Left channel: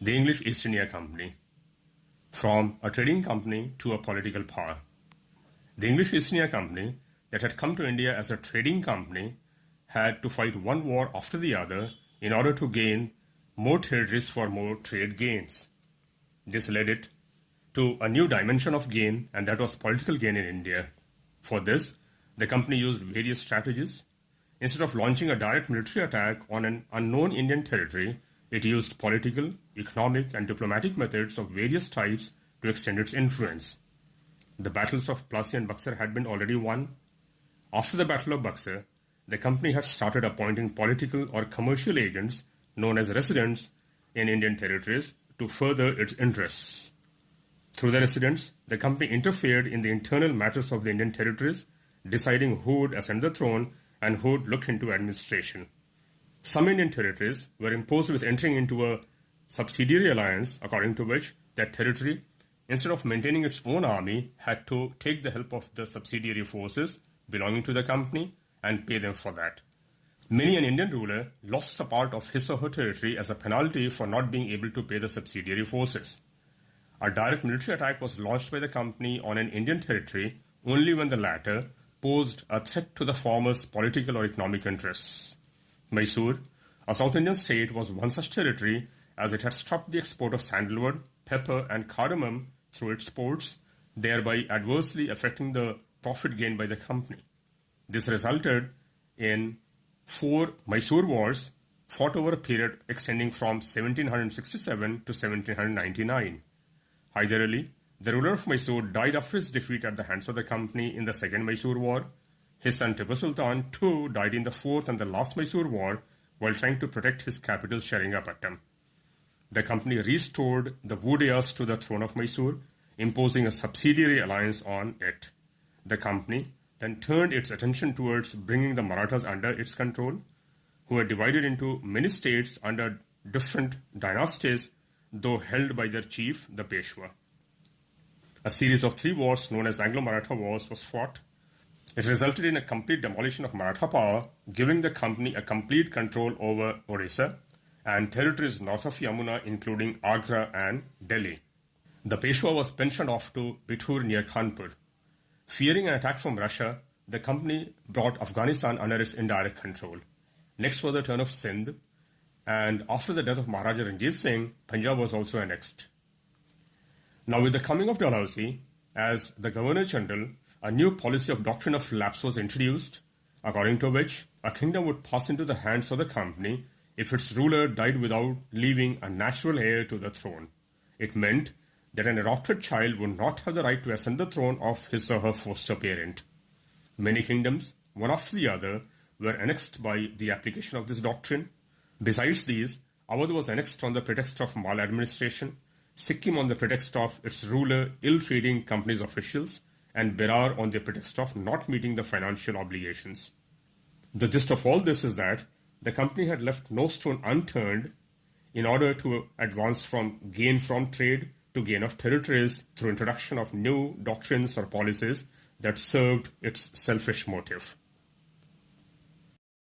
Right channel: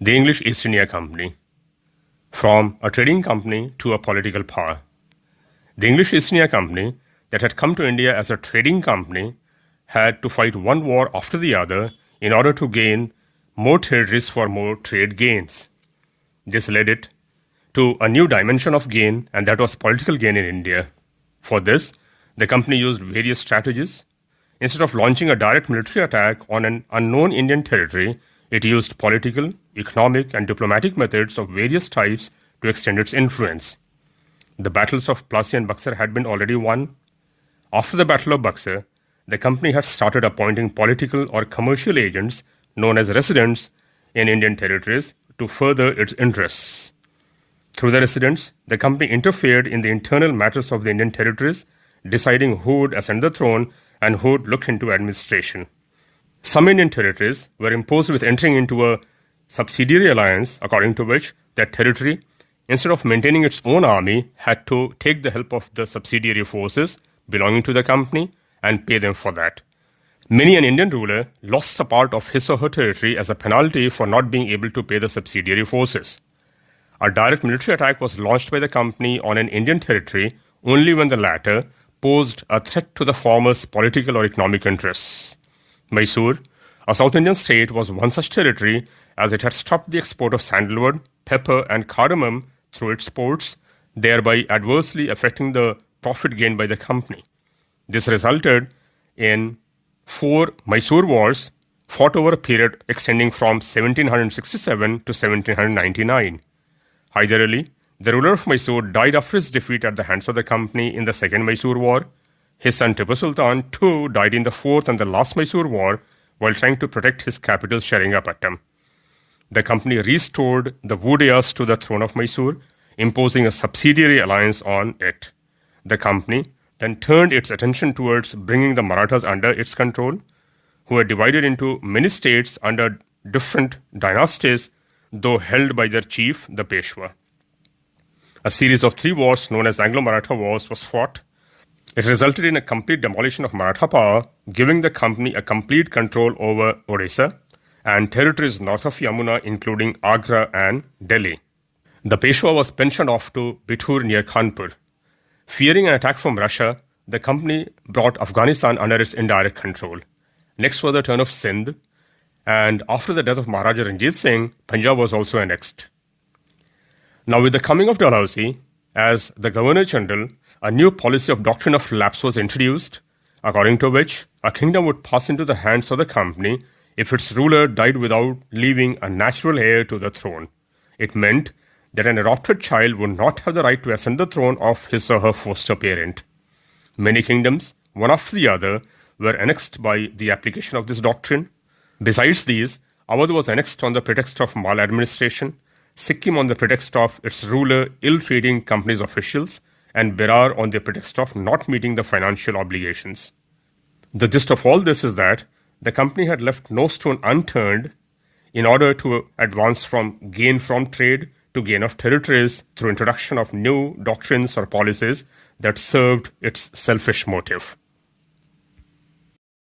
The English East India Company, from a trading company to a political power. The English East India Company, that had come to India as a trading company, had to fight one war after the other in order to gain more territories for more trade gains. This led it to a new dimension of gain, and that was political gain in India. For this, the company used various strategies. Instead of launching a direct military attack on an unknown Indian territory, it used political, economic, and diplomatic methods of various types to extend its influence. The battles of Plassey and Buxar had been already won. After the Battle of Buxar, the company had started appointing political or commercial agents known as residents in Indian territories to further its interests. Through the residents, the company interfered in the internal matters of the Indian territories, deciding who would ascend the throne and who would look into administration. Some Indian territories were imposed with entering into a subsidiary alliance, according to which that territory, instead of maintaining its own army, had to take the help of the subsidiary forces belonging to the company and pay them for that. Many an Indian ruler lost a part of his or her territory as a penalty for not being able to pay the subsidiary forces. A direct military attack was launched by the company on an Indian territory only when the latter posed a threat to the former's political or economic interests. Mysore, a South Indian state, was one such territory, as it had stopped the export of sandalwood, pepper, and cardamom through its ports, thereby adversely affecting the profit gained by the company. This resulted in 4 Mysore wars fought over a period extending from 1767 to 1799. Hyder Ali, the ruler of Mysore, died after his defeat at the hands of the company in the Second Mysore War. His son Tipu Sultan too died in the fourth and the last Mysore War while trying to protect his capital Seringapatam. The company restored the Vodayas to the throne of Mysore, imposing a subsidiary alliance on it. The company then turned its attention towards bringing the Marathas under its control, who were divided into many states under different dynasties, though held by their chief, the Peshwa. A series of 3 wars known as Anglo-Maratha Wars was fought. It resulted in a complete demolition of Maratha power, giving the company a complete control over Odisha and territories north of Yamuna, including Agra and Delhi. The Peshwa was pensioned off to Bithur near Kanpur. Fearing an attack from Russia, the company brought Afghanistan under its indirect control. Next was the turn of Sindh, and after the death of Maharaja Ranjit Singh, Punjab was also annexed. Now, with the coming of Dalhousie as the Governor General, a new policy of doctrine of lapse was introduced, according to which a kingdom would pass into the hands of the company if its ruler died without leaving a natural heir to the throne. It meant that an adopted child would not have the right to ascend the throne of his or her foster parent. Many kingdoms, one after the other, were annexed by the application of this doctrine. Besides these, Awadh was annexed on the pretext of maladministration, Sikkim on the pretext of its ruler ill-treating company's officials, and Berar on the pretext of not meeting the financial obligations. The gist of all this is that the company had left no stone unturned in order to advance from gain from trade to gain of territories through introduction of new doctrines or policies that served its selfish motive.